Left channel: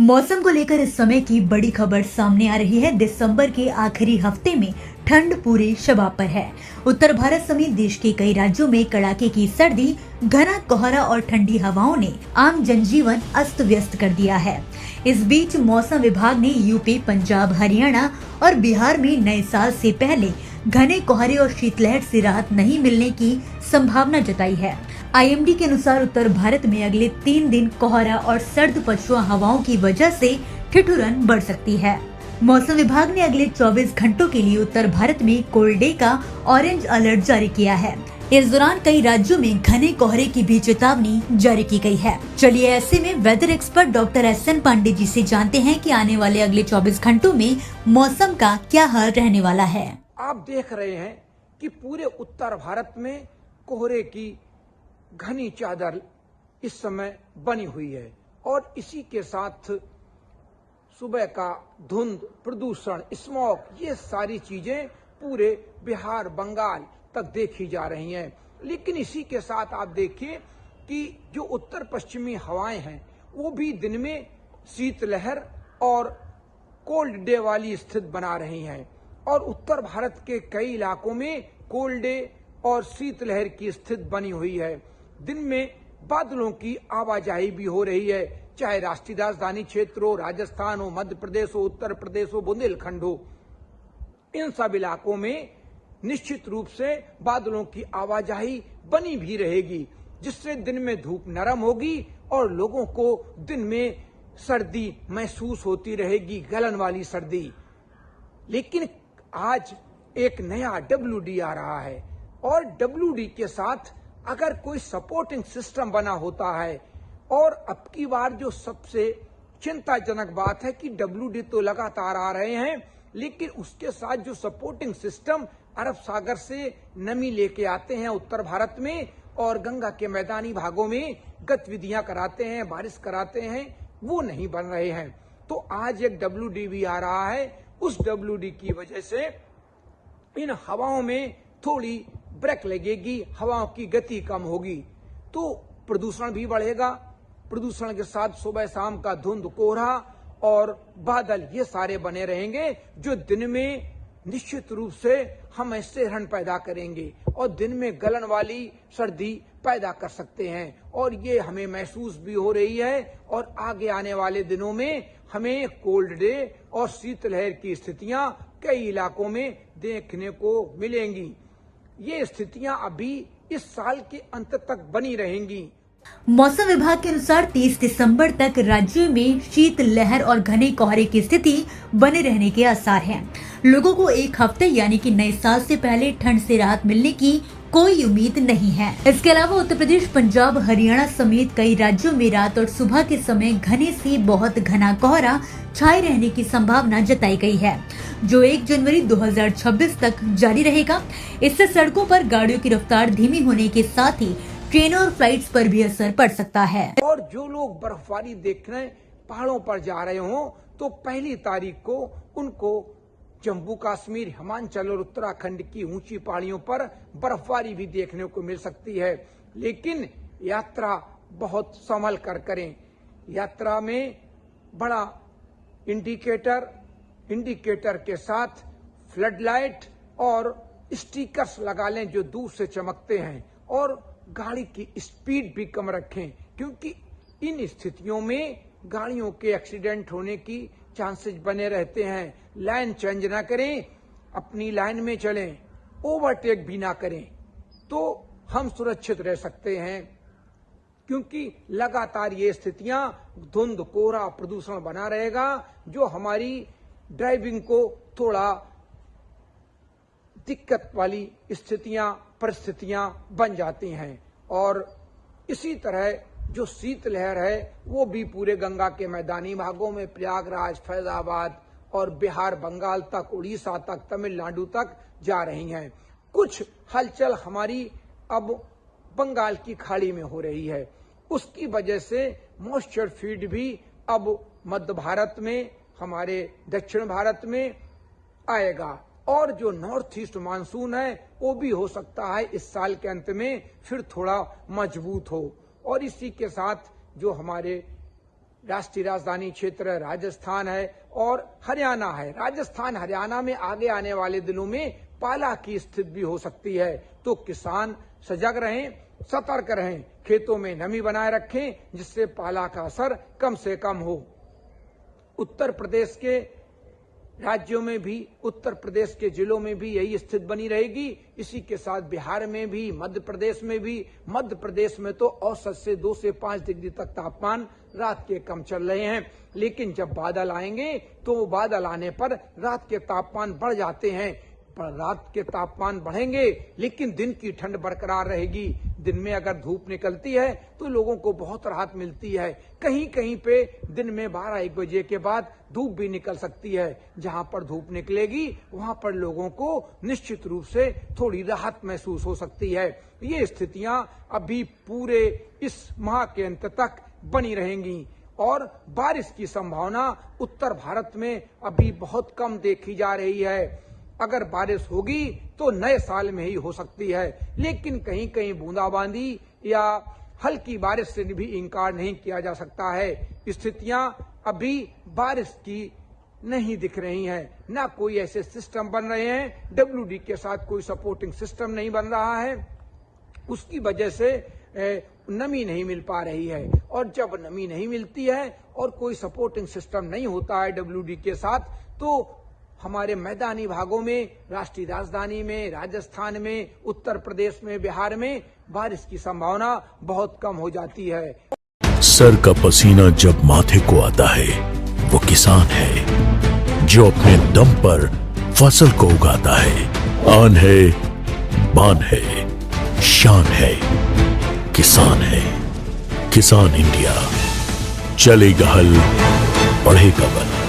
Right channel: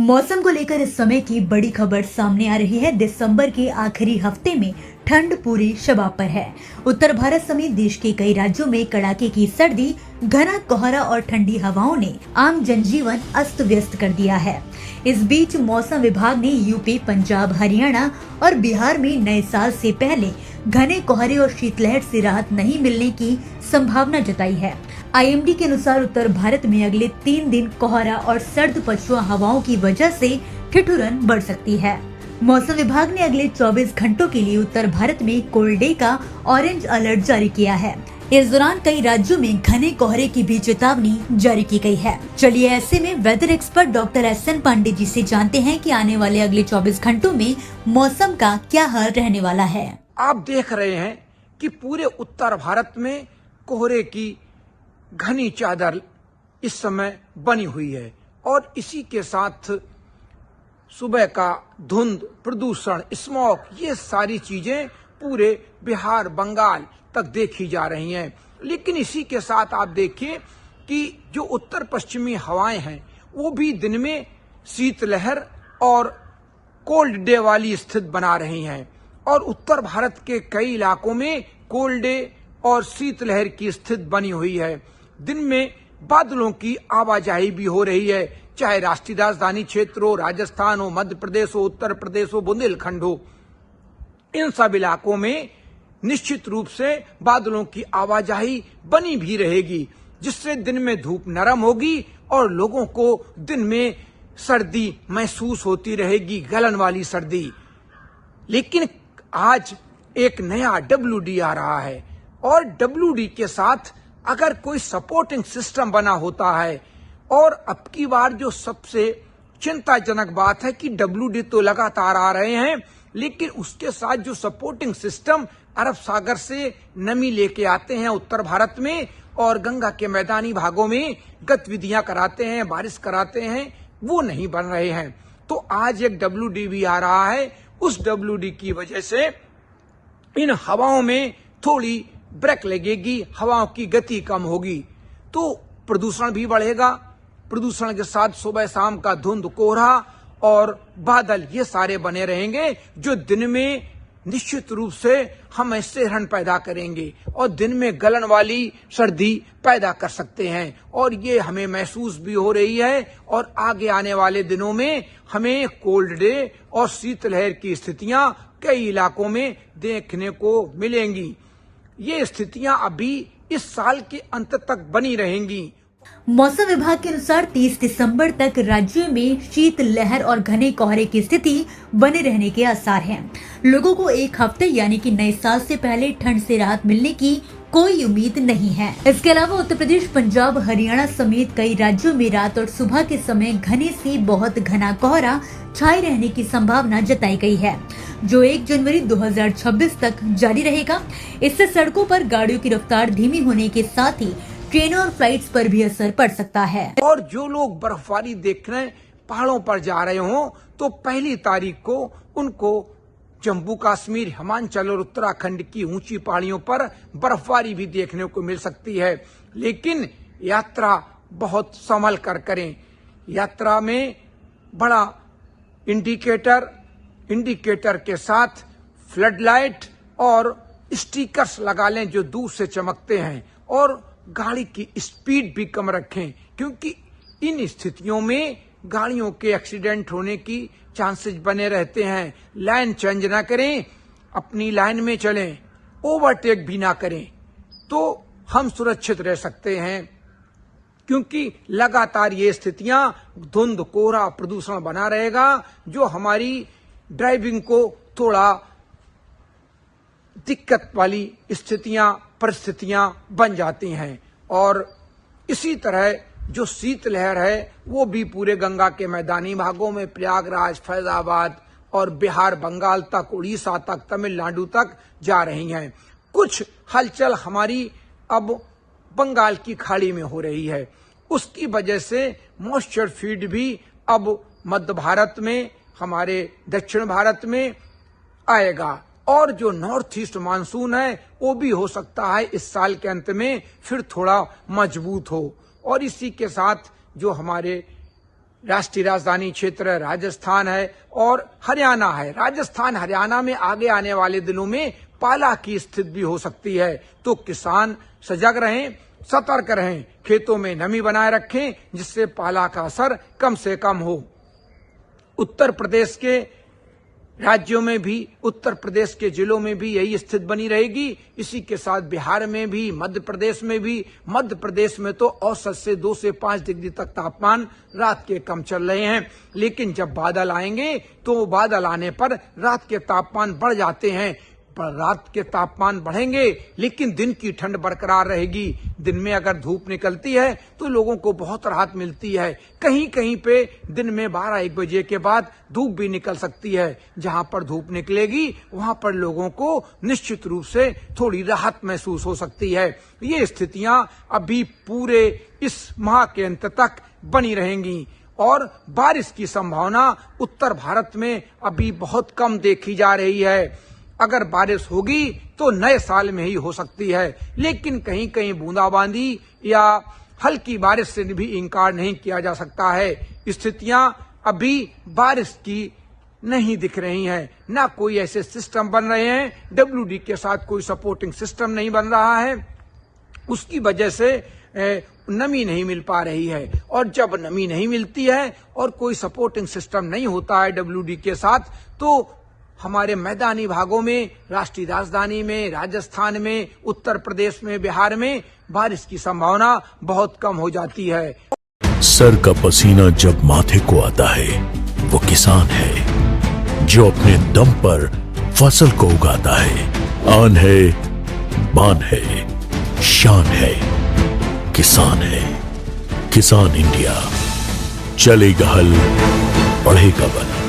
मौसम को लेकर इस समय की बड़ी खबर सामने आ रही है। दिसंबर के आखिरी हफ्ते में ठंड पूरी शबाब पर है। उत्तर भारत समेत देश के कई राज्यों में कड़ाके की सर्दी, घना कोहरा और ठंडी हवाओं ने आम जनजीवन अस्त व्यस्त कर दिया है। इस बीच मौसम विभाग ने यूपी, पंजाब, हरियाणा और बिहार में नए साल से पहले घने कोहरे और शीतलहर से राहत नहीं मिलने की संभावना जताई है। आईएमडी के अनुसार उत्तर भारत में अगले 3 दिन कोहरा और सर्द पछुआ हवाओं की वजह से ठिठुरन बढ़ सकती है। मौसम विभाग ने अगले 24 घंटों के लिए उत्तर भारत में कोल्ड डे का ऑरेंज अलर्ट जारी किया है। इस दौरान कई राज्यों में घने कोहरे की भी चेतावनी जारी की गई है। चलिए ऐसे में weather expert doctor SN Pandey ji से जानते हैं कि आने वाले अगले 24 घंटों में मौसम का क्या हाल रहने वाला है। आप देख रहे हैं कि पूरे उत्तर भारत में कोहरे की घनी चादर इस समय बनी हुई है और इसी के साथ सुबह का धुंध, प्रदूषण, स्मॉग, ये सारी चीजें पूरे बिहार, बंगाल तक देखी जा रही हैं। लेकिन इसी के साथ आप देखिए कि जो उत्तर पश्चिमी हवाएं हैं वो भी दिन में शीतलहर और कोल्ड डे वाली स्थिति बना रही हैं और उत्तर भारत के कई इलाकों में कोल्ड डे और शीतलहर की स्थिति बनी हुई है। दिन में बादलों की आवाजाही भी हो रही है, चाहे राष्ट्रीय राजधानी क्षेत्र हो, राजस्थान हो, मध्य प्रदेश हो, उत्तर प्रदेश हो, बुंदेलखंड हो। इन सब इलाकों में निश्चित रूप से बादलों की आवाजाही बनी भी रहेगी, जिससे दिन में धूप नरम होगी और लोगों को दिन में सर्दी महसूस होती रहेगी, गलन वाली सर्दी। लेकिन आज एक नया WD आ रहा है और WD के साथ अगर कोई सपोर्टिंग सिस्टम बना होता है, और अब की बार जो सबसे चिंताजनक बात है कि WD तो लगातार आ रहे हैं, लेकिन उसके साथ जो सपोर्टिंग सिस्टम अरब सागर से नमी लेके आते हैं उत्तर भारत में और गंगा के मैदानी भागों में गतिविधियां कराते हैं, बारिश कराते हैं, वो नहीं बन रहे हैं। तो आज एक WD भी आ रहा है। उस WD की वजह से इन हवाओं में थोड़ी ब्रेक लगेगी, हवाओं की गति कम होगी, तो प्रदूषण भी बढ़ेगा। प्रदूषण के साथ सुबह शाम का धुंध, कोहरा और बादल, ये सारे बने रहेंगे जो दिन में निश्चित रूप से हमें सिरहन पैदा करेंगे और दिन में गलन वाली सर्दी पैदा कर सकते हैं और ये हमें महसूस भी हो रही है। और आगे आने वाले दिनों में हमें कोल्ड डे और शीतलहर की स्थितियां कई इलाकों में देखने को मिलेंगी। ये स्थितियां अभी इस साल के अंत तक बनी रहेंगी। मौसम विभाग के अनुसार 30 दिसंबर तक राज्य में शीत लहर और घने कोहरे की स्थिति बने रहने के आसार हैं। लोगों को एक हफ्ते यानी कि नए साल से पहले ठंड से राहत मिलने की कोई उम्मीद नहीं है। इसके अलावा उत्तर प्रदेश, पंजाब, हरियाणा समेत कई राज्यों में रात और सुबह के समय घने से बहुत घना कोहरा छाए रहने की संभावना जताई गई है, जो 1 जनवरी 2026 तक जारी रहेगा। इससे सड़कों पर गाड़ियों की रफ्तार धीमी होने के साथ ही ट्रेनों और फ्लाइट्स पर भी असर पड़ सकता है। और जो लोग बर्फबारी देखने पहाड़ों पर जा रहे हों, तो 1 तारीख को उनको जम्मू कश्मीर, हिमाचल और उत्तराखंड की ऊंची पहाड़ियों पर बर्फबारी भी देखने को मिल सकती है। लेकिन यात्रा बहुत संभल कर करें। यात्रा में बड़ा इंडिकेटर के साथ फ्लड लाइट और स्टिकर्स लगा लें जो दूर से चमकते हैं, और गाड़ी की स्पीड भी कम रखें, क्योंकि इन स्थितियों में गाड़ियों के एक्सीडेंट होने की चांसेस बने रहते हैं। लाइन चेंज ना करें, अपनी लाइन में चलें, ओवरटेक भी ना करें, तो हम सुरक्षित रह सकते हैं। क्योंकि लगातार ये स्थितियां, धुंध, कोहरा, प्रदूषण बना रहेगा, जो हमारी ड्राइविंग को थोड़ा दिक्कत वाली परिस्थितियां बन जाती हैं। और इसी तरह जो शीतलहर है वो भी पूरे गंगा के मैदानी भागों में प्रयागराज, फैजाबाद और बिहार, बंगाल तक, उड़ीसा तक, तमिलनाडु तक जा रही हैं। कुछ हलचल हमारी अब बंगाल की खाड़ी में हो रही है, उसकी वजह से मॉइस्चर फीड भी अब मध्य भारत में, हमारे दक्षिण भारत में आएगा। और जो नॉर्थ ईस्ट मानसून है वो भी हो सकता है इस साल के अंत में फिर थोड़ा मजबूत हो। और इसी के साथ जो हमारे राष्ट्रीय राजधानी क्षेत्र राजस्थान है और हरियाणा है। राजस्थान हरियाणा में आगे आने वाले दिनों में पाला की स्थिति भी हो सकती है, तो किसान सजग रहें, सतर्क रहें, खेतों में नमी बनाए रखें जिससे पाला का असर कम से कम हो। उत्तर प्रदेश के राज्यों में भी, उत्तर प्रदेश के जिलों में भी यही स्थिति बनी रहेगी। इसी के साथ बिहार में भी, मध्य प्रदेश में भी। मध्य प्रदेश में तो औसत से 2 से 5 डिग्री तक तापमान रात के कम चल रहे हैं, लेकिन जब बादल आएंगे तो बादल आने पर रात के तापमान बढ़ जाते हैं। पर रात के तापमान बढ़ेंगे लेकिन दिन की ठंड बरकरार रहेगी। दिन में अगर धूप निकलती है तो लोगों को बहुत राहत मिलती है। कहीं कहीं पे दिन में 12-1 बजे के बाद धूप भी निकल सकती है। जहां पर धूप निकलेगी वहां पर लोगों को निश्चित रूप से थोड़ी राहत महसूस हो सकती है। ये स्थितियां अभी पूरे इस माह के अंत तक बनी रहेंगी और बारिश की संभावना उत्तर भारत में अभी बहुत कम देखी जा रही है। अगर बारिश होगी तो नए साल में ही हो सकती है, लेकिन कहीं कहीं बूंदाबांदी या हल्की बारिश से भी इनकार नहीं किया जा सकता है। स्थितियां अभी बारिश की नहीं दिख रही हैं, ना कोई ऐसे सिस्टम बन रहे हैं। WD के साथ कोई सपोर्टिंग सिस्टम नहीं बन रहा है, उसकी वजह से नमी नहीं मिल पा रही है। और जब नमी नहीं मिलती है और कोई सपोर्टिंग सिस्टम नहीं होता है WD के साथ, तो हमारे मैदानी भागों में, राष्ट्रीय राजधानी में, राजस्थान में, उत्तर प्रदेश में, बिहार में बारिश की संभावना बहुत कम हो जाती है। सर का पसीना जब माथे को आता है वो किसान है जो अपने दम पर फसल को उगाता है। आन है, बान है, शान है, किसान है। किसान इंडिया, चलेगा हल, बढ़ेगा बल।